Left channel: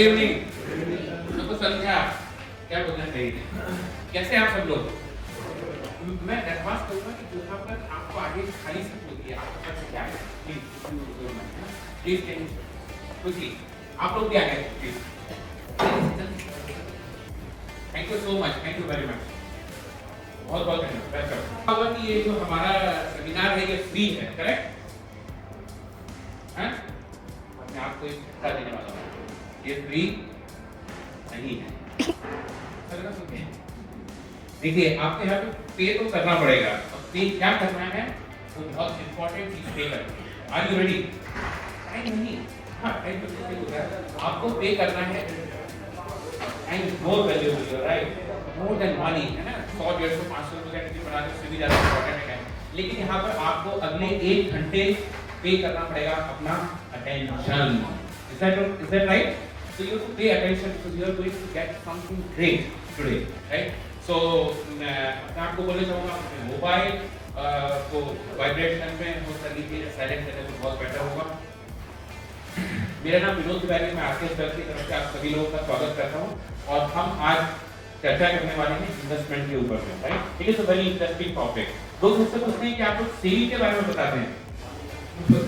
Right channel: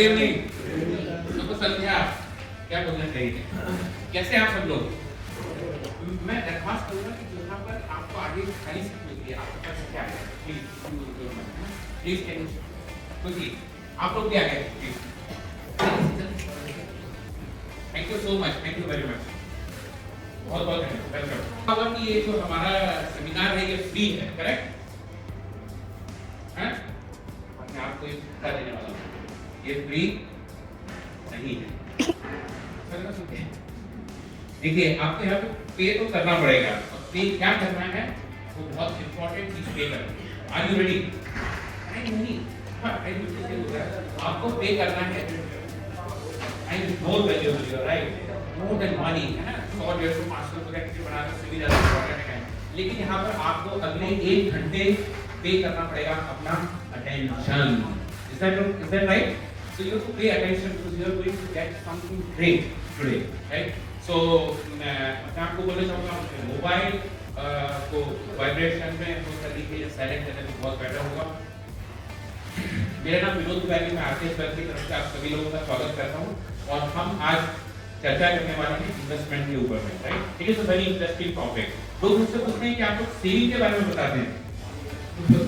Good evening. सबको समझा क्या बोलना चाहिए? कैसे हैं आप सब लोग? मैं दरख्वास्त करूँगा कि यहाँ पर आपको आगे खाली सीट मिलती है, आपके पास क्या है प्लीज कैन क्विकली आप लोग भी आ गए please. Thank you so much, thank you very much, बहुत बहुत वेलकम। कि ये जो हमारा सेमिनार है ये फ्री है, करेक्ट है? मैं आपको एक झटका देने वाला हूँ, ये फ्री नहीं है। देखिए आपके हर पे तो करना पड़ेगा, और पे क्या करना है वो बहुत इंपॉर्टेंट चीज पे करना है। Are you ready? नहीं, हाँ आपको पे करना है and more valuable, right, more than money, है ना। 100, 150, 500 रुपए का टिकट बना दो, उससे भी ज्यादा इंपॉर्टेंट है। लेकिन यहाँ पर आपको अगले 1 घंटे पे करना पड़ेगा अपना attention. Is that right? So you have to pay attention because you are going to get something great today, right? So मैं आपको बोलना चाहूँगा अपने मोबाइल को वाइब्रेशन में हो कर दीजिए, साइलेंट करने तो बहुत बेटर होगा। मेरा नाम विनोद तिवारी, मैं आरकेएस बैंक की तरफ से आप सभी लोगों का स्वागत करता हूँ, और हम आज चर्चा करने वाले हैं इन्वेस्टमेंट के ऊपर में, right. It is a very interesting topic. लोग मुझसे पूछते हैं कि आप लोग सेविंग के बारे में बताते हैं,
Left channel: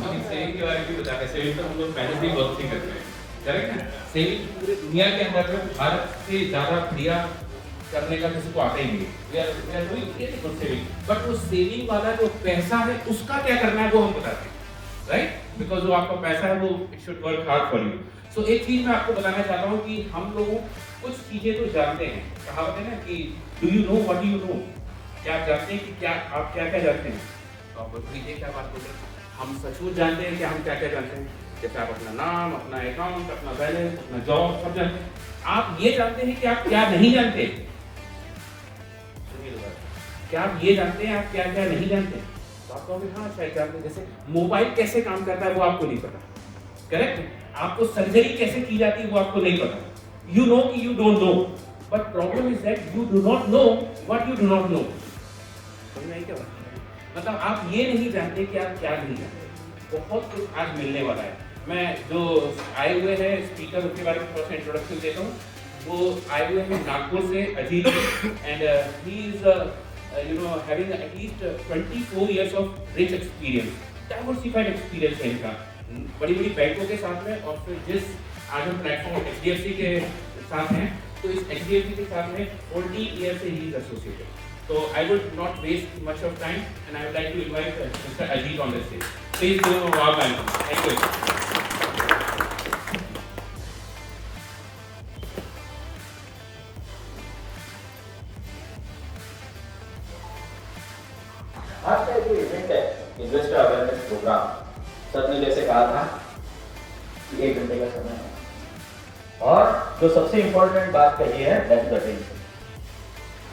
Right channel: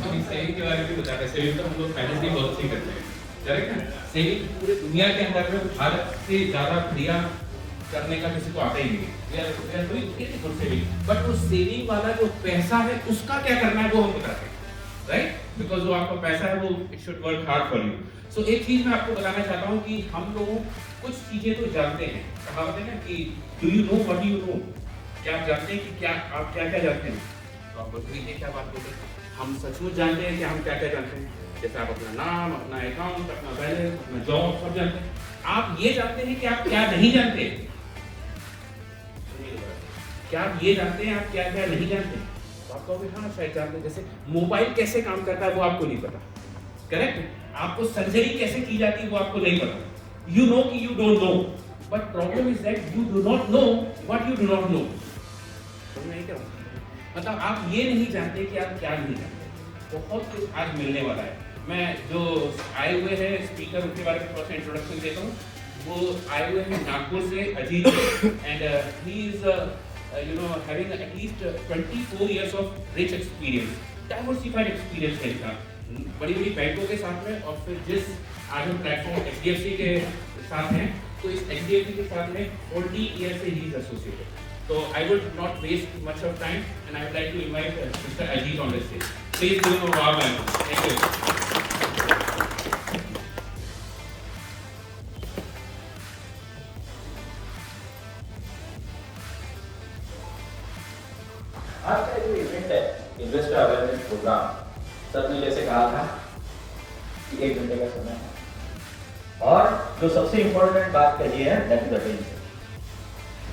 हम सेविंग के बारे में भी बताते हैं। सेविंग तो हम लोग पहले से ही बहुत अच्छी करते हैं, करेक्ट है। सेविंग पूरे दुनिया के अंदर में भारत से ज्यादा क्रिया करने का किसी को आता ही नहीं, बट वो सेविंग वाला जो पैसा है उसका क्या करना है वो हम बताते हैं, राइट, बिकॉज जो आपका पैसा है वो it should work hard for you. So एक चीज मैं आपको बताना चाहता हूँ कि हम लोग कुछ चीजें तो जानते हैं, कहावत है ना कि do you know what you know, क्या आप जानते हैं कि क्या आप क्या क्या जानते हैं? तो आप बोलते क्या बात बोलते हैं, हम सचमुच जानते हैं कि हम क्या क्या जानते हैं। जैसे आप अपना नाम, अपना अकाउंट, अपना बैलेंस, अपना जॉब सब जानते हैं। आप ये जानते हैं कि आप क्या नहीं जानते? क्या आप ये जानते हैं आप क्या क्या नहीं जानते? तो आप कहोगे हाँ शायद जानते हैं। जैसे मोबाइल कैसे काम करता है वो आपको नहीं पता, करेक्ट। आपको सर्जरी कैसे की जाती है वो आपको नहीं पता। यू नो कि you don't know, but problem is that you do not know what you do not know. समझ आई क्या? मतलब आप ये नहीं जानते कि आप क्या नहीं जानते। बहुत कुछ आज मिलने वाला है। मैं जो आए हुए हैं स्पीकर उनके बारे में थोड़ा सा इंट्रोडक्शन देता हूँ। वो आए हुए हैं नागपुर से, Ajit, and he is you know having at least 24 years of rich experience, diversified experience है इनका, बड़ी बड़ी बैंकों के साथ में। और फिर जिस आज हम प्लेटफॉर्म एचडीएफसी के साथ हैं, तो इस एचडीएफसी के साथ में 40 ईयर से he is associated. So I would not waste much of time, and I would like to invite Mr. Ajit on the stage. Please do a warm welcome. Thank you. आज का जो event है investor awareness programme, सबने जैसे कहा था कि 1 घंटे का समय है, और जो सबसे इम्पोर्टेंट बात कही है दैट इज अटेंशन।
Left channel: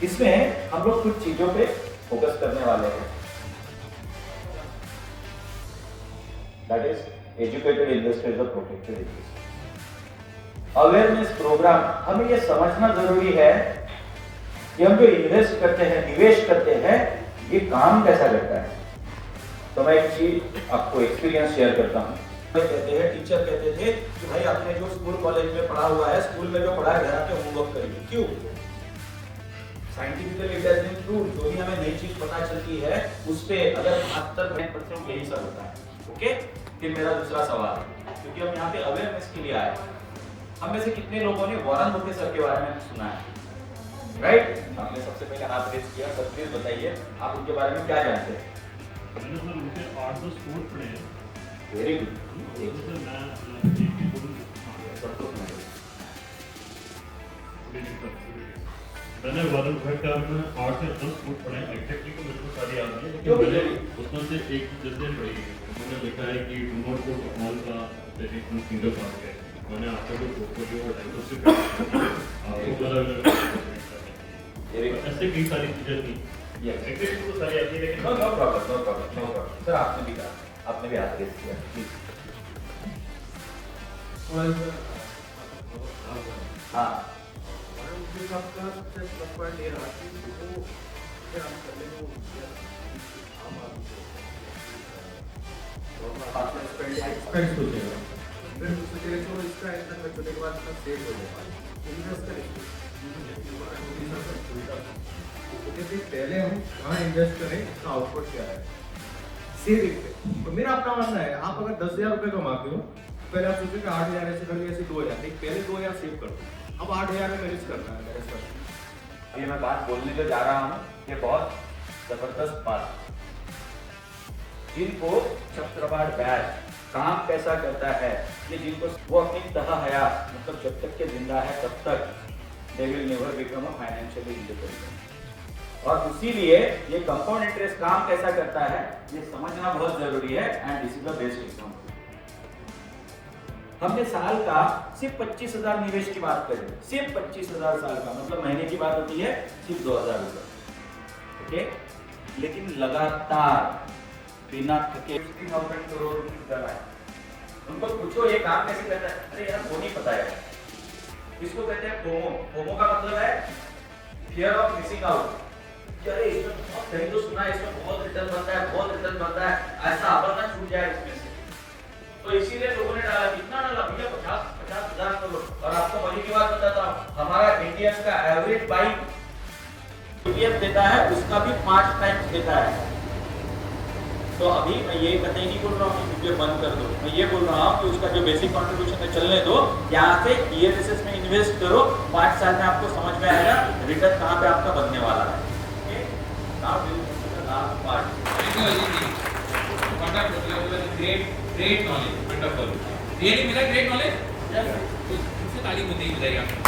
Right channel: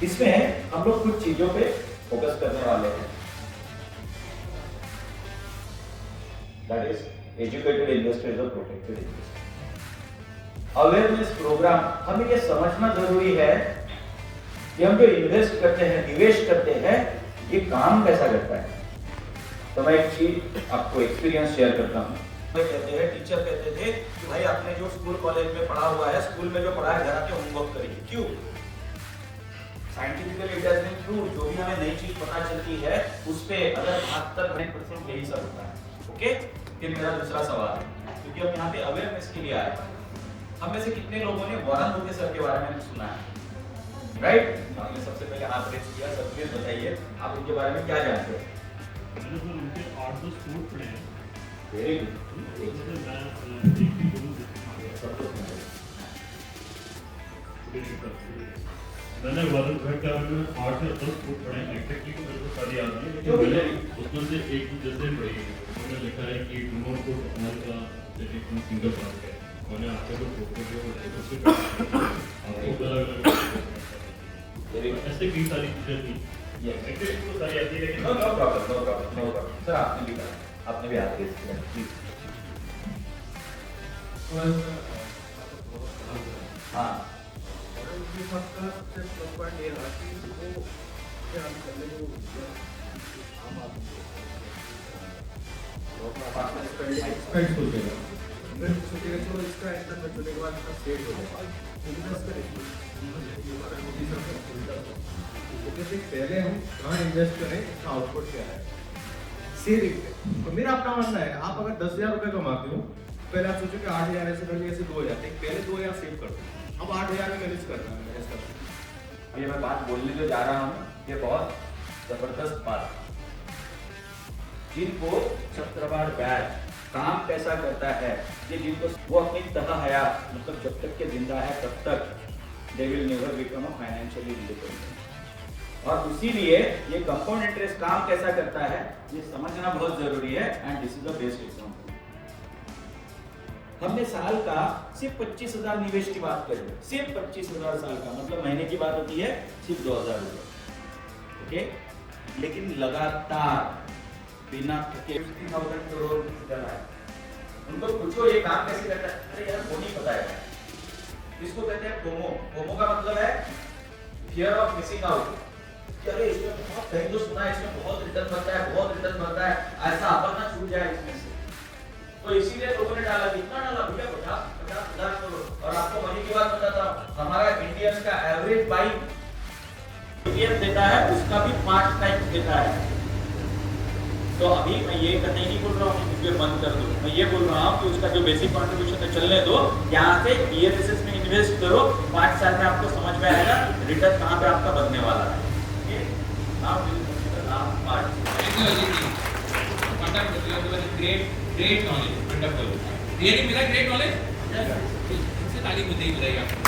इसमें हम लोग कुछ चीजों पे फोकस करने वाले हैं, दैट इज एजुकेटेड इन्वेस्टर और प्रोटेक्टेड इन्वेस्टर। अवेयरनेस प्रोग्राम, हमें ये समझना जरूरी है कि हम जो इन्वेस्ट करते हैं, निवेश करते हैं, ये काम कैसा करता है। तो मैं एक चीज आपको एक्सपीरियंस शेयर करता हूँ। कहते हैं, टीचर कहते थे कि भाई आपने जो स्कूल कॉलेज में पढ़ा हुआ है, स्कूल में जो पढ़ा है घर आके होमवर्क करिए। क्यों? Scientifically it has been proved, जो भी हमें नई चीज पता चलती है उस पे अगर 75% यही सब होता है। ओके, फिर मेरा दूसरा सवाल है, क्योंकि हम यहाँ पे अवेयरनेस के लिए आए, हम में से कितने लोगों ने वॉरेन बफेट सर के बारे में सुना है? राइट, आपने सबसे पहले हाथ रेज किया। सर प्लीज बताइए आप उनके बारे में क्या जानते हैं? मैंने सर उनके 8-10 कोर्स पढ़े हैं। Very good. मैंने वॉरेन बफेट का 8 या 10 कोर्स पढ़े हैं, एग्जैक्टली तो मेरे को सारी याद नहीं है, लेकिन मैंने उसमें से एक जैसे उन्होंने लिखा है कि डू नॉट पुट ऑल का इन सिंगल बास्केट। मैंने आपका जो पोर्टफोलियो ऐसे कई सारी चीजें थी, ये एग्जैक्टली तो सारी आती है, लेकिन नो प्रॉब्लम। सर आपने भी कहा, आपने भी हाथ रेज किया। हाँ, सबसे प्लस पॉइंट ये रहा कि वो हम करने को आम आदमी को फिर सोचे चलो इसका इन्वेस्टमेंट होने के बाद इसका सेव हो जाएगा, क्योंकि मैं उसका रिस्क पहले हम कहाँ इन्वेस्ट करें, इसका आउटपुट क्या है, सेविंग पे। और मेरा अपना मानना है, आप अगर 10,000 रुपये कमाते हो, पहले आप सोचो कि 8,000 ऐसे कर ऐसे 2,000, पहले 2,000 सेव कर दो, अब 8,000 में मैनेज करना है मेरे साथ। अभी मैं बात बोलने को जा रहा हूँ, ये बहुत जबरदस्त बात। जिनको चक्रवात बैड काम कैसा करता है, ये जिनको वो अपनी तह हयात मतलब जब तक के जिंदा है तब तक they will never become a financially independent. और इसीलिए ये कंपाउंड इंटरेस्ट काम कैसा करता है ये समझना बहुत जरूरी है। And this is the best example. हमने साल का सिर्फ 25,000 निवेश की बात करें, सिर्फ 25,000 साल का मतलब महीने की बात होती है सिर्फ 2,000 रुपए, ओके। लेकिन लगातार बिना थके 50,000 करोड़ डला है। उनको पूछो ये काम कैसे करता है, अरे यार वो नहीं पता है। इसको कहते हैं फोमो। फोमो का मतलब है फियर ऑफ मिसिंग आउट। अरे इसमें बहुत कहीं तो सुना है इसमें बहुत रिटर्न बनता है, बहुत रिटर्न बनता है, ऐसा अपन ना छूट जाए इसमें से। तो इसीलिए लोगों ने डाला, कितना डाला भैया 50,000 करोड़। और आपको मजे की बात बताता हूँ, हमारा इंडियंस का एवरेज बाइक इंडियन देता है उसका भी 5 टाइम्स देता है। तो अभी मैं ये कतई नहीं बोल रहा हूँ कि बंद कर दो, मैं ये बोल रहा हूँ कि उसका जो बेसिक कंट्रीब्यूशन है चलने दो, यहाँ से ELSS में इन्वेस्ट करो, 5 साल में आपको समझ में आएगा रिटर्न कहाँ पे आपका बनने वाला है। ग्रेट नॉलेज, वंडरफुल, रियली मिला ग्रेट नॉलेज। इससे ताली मुझे ही मिलेगी आपको।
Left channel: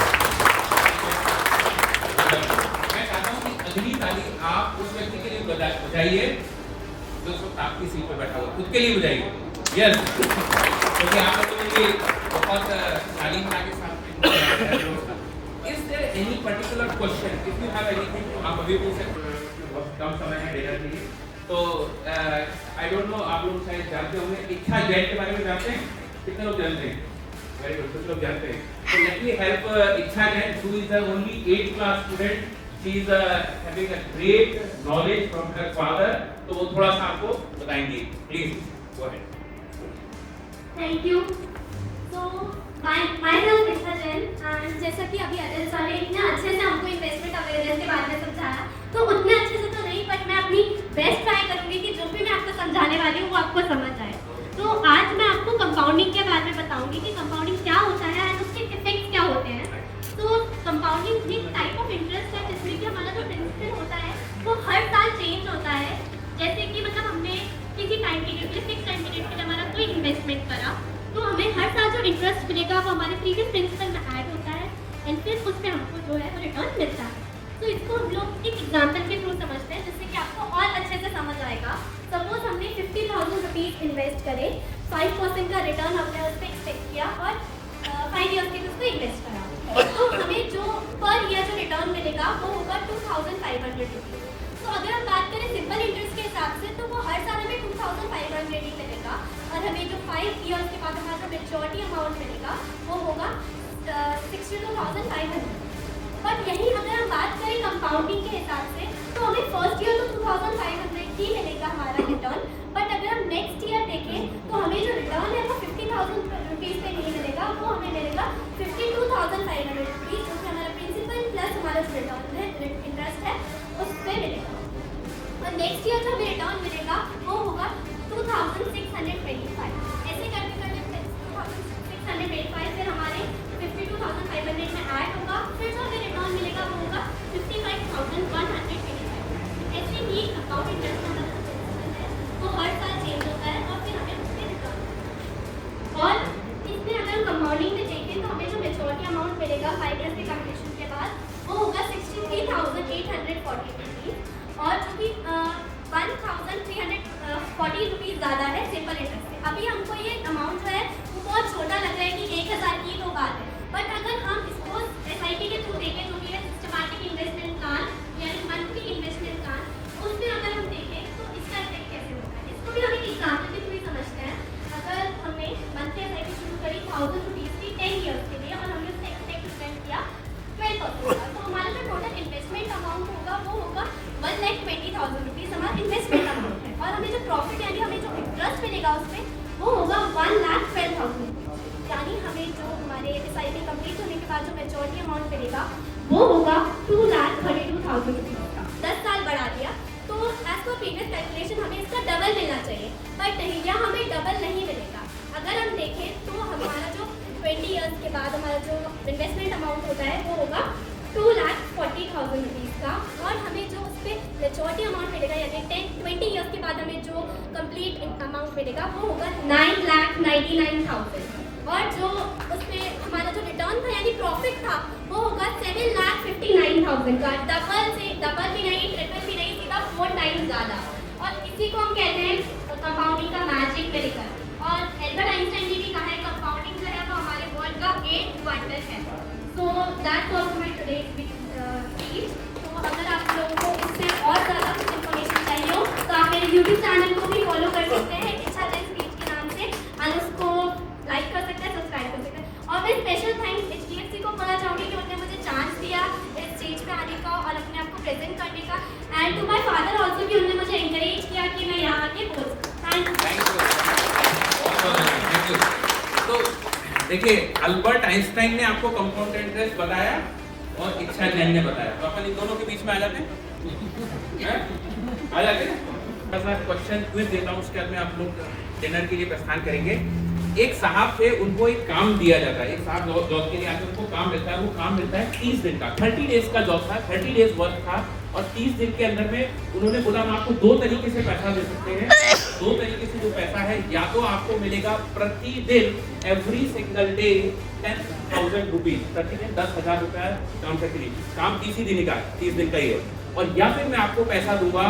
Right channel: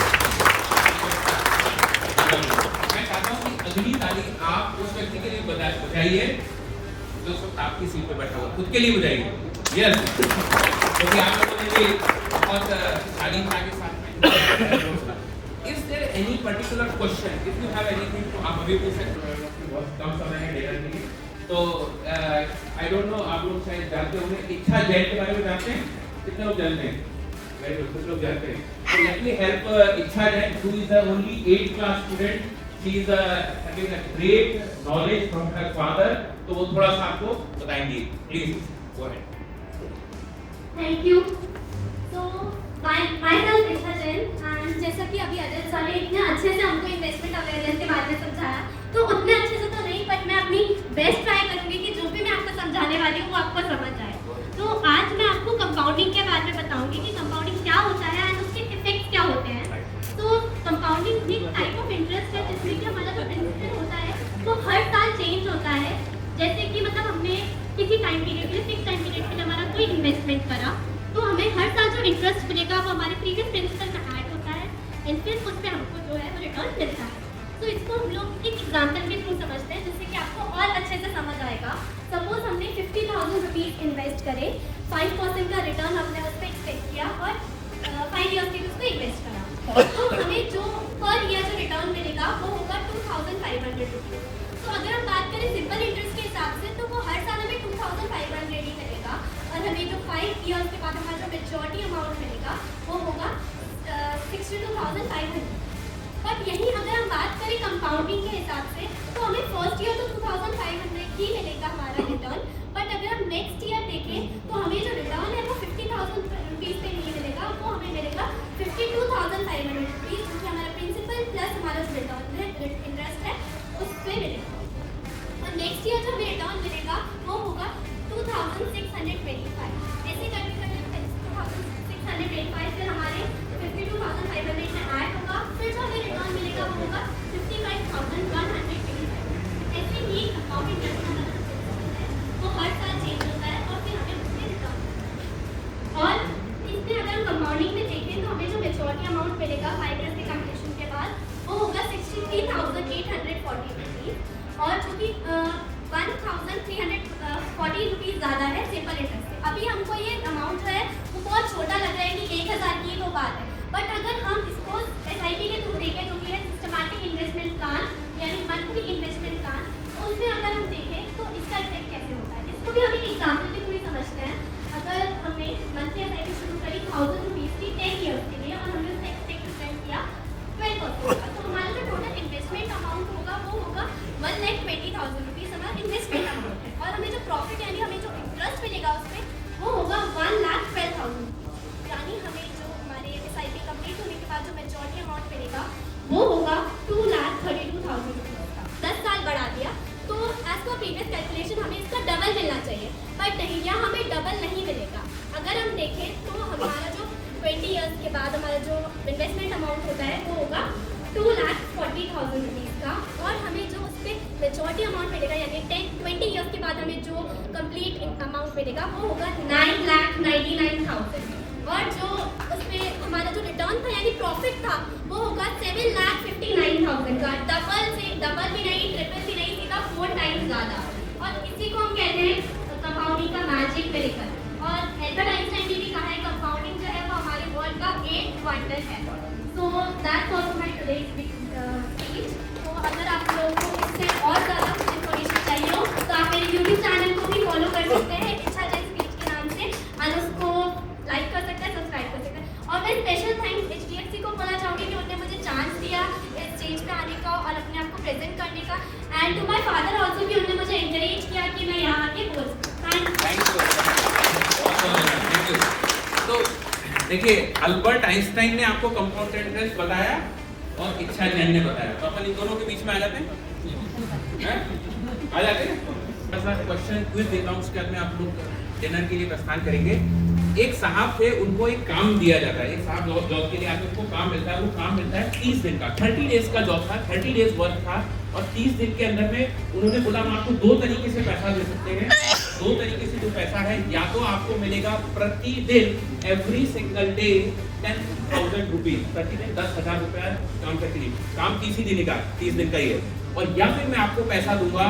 मैं चाहता हूँ कि अगली ताली आप उस व्यक्ति के लिए बजाइए जो सब आपकी सीट पे बैठा हुआ, खुद के लिए बजाइए। यस, क्योंकि आप लोगों ने भी बहुत शालीनता के साथ में। Is there any particular question? If you have anything, तो आप अभी पूछ सकते हो। बहुत कम समय है डेटा के लिए, तो I don't know, आप लोग शायद जानते होंगे इच्छा जैन के बारे में जानते हैं? कितने लोग जानते हैं? वेरी गुड, कुछ लोग जानते हैं। So let me help इच्छा Jain, who is the only 8th class student. She is having a great knowledge from her father. तो वो थोड़ा सा आपको बताएंगे, please go ahead. Thank you. तो myself इच्छा जैन, एंड जैसा कि अभी अजय सर ने इतने अच्छे से हमको इन्वेस्टमेंट अवेयरनेस के बारे में समझाया, तो उतने अच्छे से तो नहीं, बट मैं अपनी बेस्ट ट्राई करूंगी कि जो भी मैं आपको समझाने वाली हूँ वो आपको समझ आए। तो आज मैं आपको कंपाउंडिंग के बारे में बताऊंगी कि कंपाउंडिंग क्या होता है और उसके इफेक्ट क्या होते हैं। तो कंपाउंडिंग एक टाइप ऑफ इंटरेस्ट है जिसमें कि हमारा जो प्रिंसिपल होता है वो हर साल चेंज होता है। जैसे कि मतलब हमने किसी टाइम पीरियड में 6 टाइम पीरियड में हमारा कोई इन्वेस्टमेंट करा, तो हमें हर साल जो इंटरेस्ट मिलेगा वो हमारे प्रीवियस प्रिंसिपल में ऐड होता है एंड फिर उस पर हमको जो है वो रिटर्न मिलता है। तो इसको हम लोग एक एग्जाम्पल के थ्रू समझते हैं जिससे कि आपको और अच्छे से समझ आएगा। सपोज हमने 50,000 रुपीज़ इन्वेस्ट करे, 5% का रिटर्न हमने उस पर एक्सपेक्ट किया और 5 ईयर्स के लिए उसको इन्वेस्ट करा, तो हमें जो पर ईयर जो रिटर्न मिलेगा वो होगा 2,500 रुपीज़। तो अगर हम बात करें सिंपल इंटरेस्ट के हिसाब से तो वो हर साल हमें 2,500 ही मिलेगा और हमें जो 5 ईयर्स के बाद हमारा जो मेच्योरिटी अमाउंट मिलेगा वो होगा 62,500। बट यही अगर हम बात करें कंपाउंडिंग के हिसाब से तो हमें फर्स्ट ईयर तो 2,500 ही मिलेगा हमारा रिटर्न, बट अगर हम नेक्स्ट ईयर देखें तो हमें जो रिटर्न है वो 50,000 रुपीज़ पे नहीं मिलेगा, वो हमें मिलेगा 52,500 रुपीज़, जो हमारा प्रिंसिपल प्लस हमारा जो रिटर्न है इंटरेस्ट है उस पर मिलेगा। और नेक्स्ट ईयर जो हमें रिटर्न मिलेगा वो होगा 2,625। ऐसे करके 2,625 फिर हमारे 52,500 में ऐड होगा, फिर जो हमें रिटर्न मिलेगा वो होगा 55,125। ऐसे ही अकाउंट इंटरेस्ट हमारा जो प्रिंसिपल है वो हर साल चेंज होता है और फिर हमें उसमें रिटर्न मिलता है। और इसमें अगर कंपाउंडिंग में देखें तो हमें जो मेच्योरिटी अमाउंट मिलेगा 5 ईयर्स के कंप्लीशन के बाद वो होगा 63,840 रुपीज़, और जो कि 1,340 रुपीज़ ज़्यादा है सिंपल इंटरेस्ट से। अभी हमको ये अमाउंट जो है वो बहुत छोटा लग रहा है कि 1,000 की तो बात है, बट अगर हम इसको SIP के थ्रू देखें जो कि है सिस्टमैटिक इन्वेस्टमेंट प्लान यानी मंथली इन्वेस्टमेंट प्लान, उसमें अगर हम देखें तो इसका इफेक्ट कैसे होता है इसको भी हमें एग्जाम्पल के थ्रू ही समझते हैं। अगर हमने मंथली SIP शुरू करी 1,000 रुपीज़ की 10 ईयर्स के लिए और हमने उसका एक्सपेक्ट रिटर्न किया 12%, तो हमारा जो टोटल इन्वेस्टमेंट अमाउंट होगा वो होगा 1,20,000 रुपीज़ हमारा इन्वेस्टमेंट अमाउंट है, और हमें जो प्रॉफिट यानी हमें जो इंटरेस्ट मिलेगा उस पर वो होगा 1,12,000। मेच्योरिटी अमाउंट मिलेगा वो होगा 2,32,000 रुपीज़ का। 10 साल बढ़ा दिया तो एज पर प्रीवियस कैलकुलेशन हमें इसका डबल मिलना चाहिए, बट नहीं, यहाँ हमें डबल नहीं मिलेगा। अगर हम देखें तो हमारा जो 20 ईयर्स के बाद हमारा जो इन्वेस्टमेंट अमाउंट होता है वो होगा 2,40,000 रुपीज़ का, और हमें जो उस पर मेच्योरिटी अमाउंट मिलेगा यानी 20 ईयर्स के बाद हमें जो कंप्लीट अमाउंट मिलेगा वो होगा 9,99,000, और जो उस पर हमारा जो रिटर्न था यानी प्रॉफिट था वो होगा 7,59,000 का। डबल भी नहीं, ट्रिपल भी नहीं, सीधा 4 टाइम्स ज़्यादा। और इसी को हम कहते हैं कंपाउंडिंग का मैजिक मिलकर। और एल्बर्ट आइंस्टाइन ने भी कहा है कंपाउंडिंग जो है वो हमारे वर्ल्ड का 8 क्वार्टर है। So that was my today's speech. तो अगर आप लोगों को इससे और ज़्यादा कुछ इन्फॉर्मेशन चाहिए हो तो आप मेरे यूट्यूब चैनल को भी फॉलो कर सकते हैं इच्छा स्पीच के नाम से, और उसको लाइक कर सकते हैं, सब्सक्राइब कर सकते हैं। और मैं स्पेशल थैंक्स HDFC को बोलना चाहूँगी कि उन्होंने मुझे चांस दिया इस स्टेज पे आने का और अपने आप को प्रेजेंट करने का, and to my father also कि उन्होंने मुझे एनकरेज किया कि मैं यहाँ आके बोल सकूँ। Thank you. तो देखिए, अल्बर्ट आइंस्टाइन ने आपको कंपाउंड इंटरेस्ट बताया और इच्छा जैन ने बताया, तो अपन इन दोनों के बीच में आ जाते हैं, आ जाते हैं। बस मैं क्वेश्चन क्विज देता हूँ, उसके बाद में आप लोग डिनर के लिए प्रस्थान करेंगे। एक साहब थे, उनको एक काम दिया जाता है, एक साहब जॉब के लिए आते हैं, उनको काम मिलता है, वो काम मिलता है 30 दिन का, 30 डेज का जॉब था, 30 डेज वर्क था, और 30 दिन के अंदर में उन्होंने बोला मैं आपको 2 तरीके से पैसा दे सकते हैं। 2 तरीके से जो पैसा है, या तो आपको मिलेगा प्रतिदिन एवरी सिंगल डे 10,000 रुपीज, प्रतिदिन 10,000 रुपया काम करके लिए, काम 30 ही दिन का, 30 दिन का ही है, और या फिर मैं आपको पैसा दूंगा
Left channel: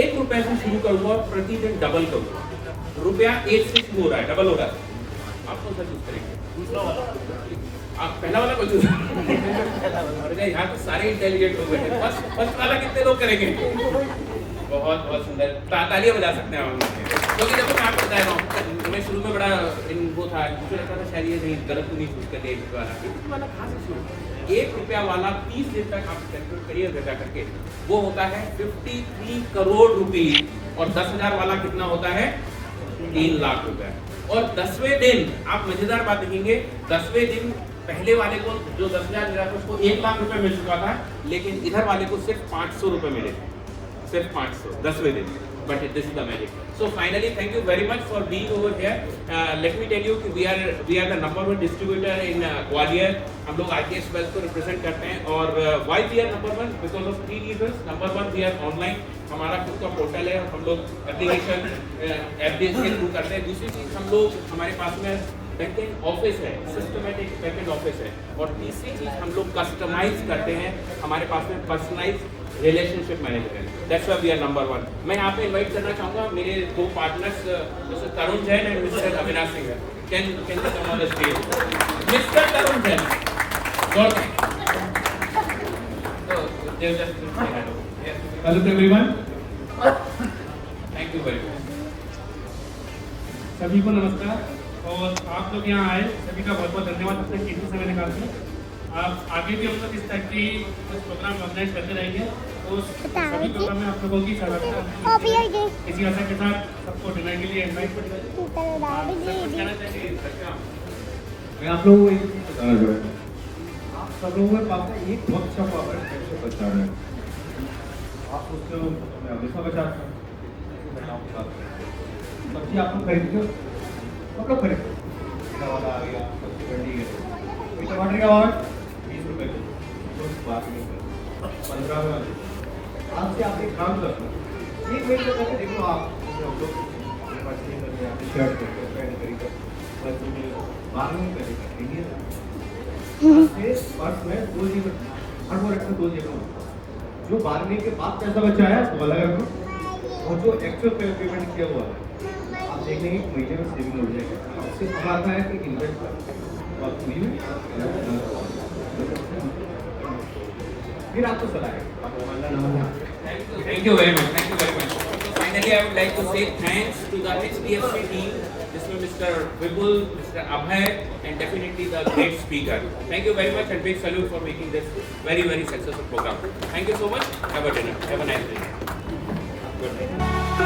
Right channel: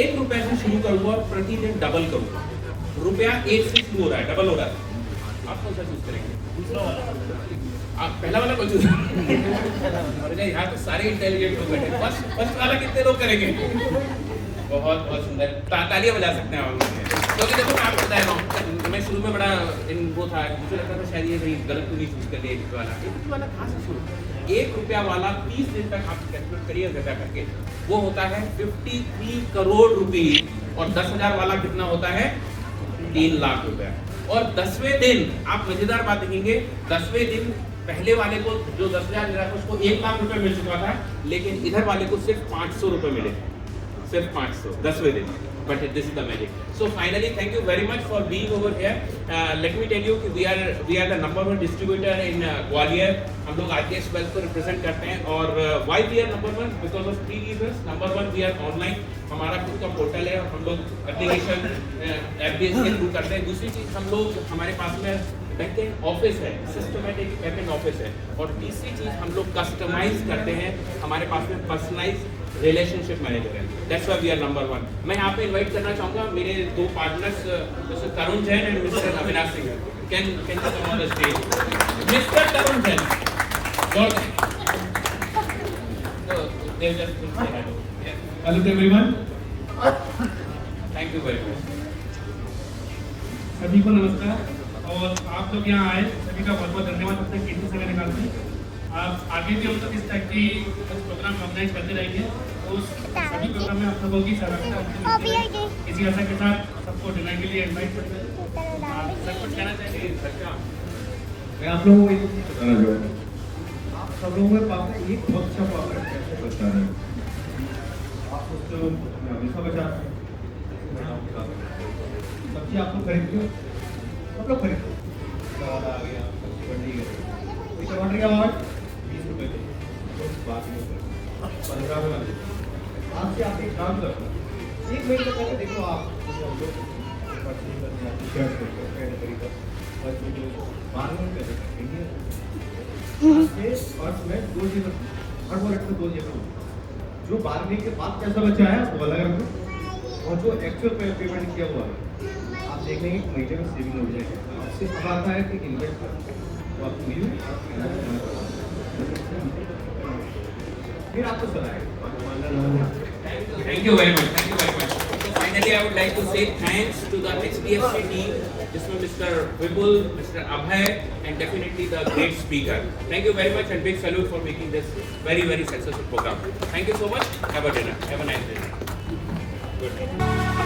1 रुपए से शुरू करूंगा और प्रतिदिन डबल करूंगा। रुपया 1 से शुरू हो रहा है, डबल हो रहा है, आप कौन सा चूज करेंगे? दूसरा वाला, आप पहला वाला कौन चूज? अरे यहाँ तो सारे इंटेलिजेंट लोग बैठे, फर्स्ट वाला कितने लोग करेंगे? बहुत बहुत सुंदर, तालियां बजा सकते हैं हम, क्योंकि देखो मैं आपको बताया हूँ, मैं शुरू में बड़ा वो था, मुझे लगता था शायद ये नहीं गलत तो नहीं चूज कर लिया 1 रुपये वाला। 1 रुपये वाला कहाँ से शुरू? 1 रुपया वाला 30 दिन तक आप कैलकुलेट करिए गजा करके, वो होता है 53 करोड़ रुपीज, और 10,000 वाला कितना होता है? 3 लाख रुपया। और 10वें दिन आप मजेदार बात देखेंगे, 10वें दिन पहले वाले को जो 10,000 मिला था उसको 1 लाख रुपए मिल चुका था, लेकिन इधर वाले को सिर्फ 500 रुपए मिले, सिर्फ 500 10वें दिन। But this is the magic. So finally, thank you very much for being over here. Let me tell you कि we are the number 1 distributor in Gwalior. हम लोग RKS Wealth को represent करते हैं, और why we are number 1? Because of 3 reasons. Number 1, we are online. हमारा खुद का पोर्टल है, हम लोग एप्लीकेशन ऐप के थ्रू करते हैं। दूसरी चीज, हम लोग हमारे पास में बैकएंड ऑफिस है, सिस्टमैटिक बैकएंड ऑफिस है, और तीसरी चीज हम लोग कस्टमाइज करते हैं, हमारे पास में पर्सनलाइज रिलेशनशिप मैनेजर है। That's why we are number 1। मैं यहाँ पे इनवाइट करना चाहूँगा मेरे 2 partners, mister Tarun Jain and mister Avinash Singh. Can you come on the stage? Mister Tarun Jain, hello everyone, thank you very much. सभी को नमस्कार, और आप लोग यहाँ आए सभी का बहुत बहुत धन्यवाद अपने कीमती समय निकालते। आप आगे भी हम लोग इस टाइप की कुछ प्रोग्राम ऑर्गेनाइज करते रहेंगे, तो सभी प्रोग्राम में आप लोगों की सहभागिता इसी आशा के साथ सबको डिनर के लिए इन्वाइट करेंगे। सर कुछ कहना चाहिए? मैं आप लोगों को एक बताना चाहूँगा, आप सब लोगों के पास में एक बहुत अच्छा प्रोडक्ट कैसे बचाना है। आप उससे हमेशा बचाते हैं, सब्जी आप लोग खरीदते हो, मतलब खरीदते हो, वाला आ गया, टमाटर का भाव 20 रुपए किलो, बात नहीं करते 15 वाले। आज से आप एक काम करते हो, 1 मिनट पहले देखो, आप हम लोग शर्ट पैंट खरीदा, बार्गेनिंग करेगा इंडिया से पर्स में 2 जीरो, हर प्रोडक्ट में 2 जीरो। जो बार्गेनिंग के बाद पैसा बचा है वो अलग रखो, और जो एक्चुअल पेमेंट किया हुआ है आप देखेंगे महीने में सेविंग हो जाएगा। आपसे अब आता है कि इन्वेस्ट फिर आपको सलाह। Thank you very much. Thank you very much. So finally, I would like to say thanks to the HDFC team, जिसमें Mr. Vipul, Mr. Abhay, and definitely the great speaker. Thank you very much, and big salute for making this very very successful program. Thank you so much. Have a dinner. Have a nice dinner. Good night.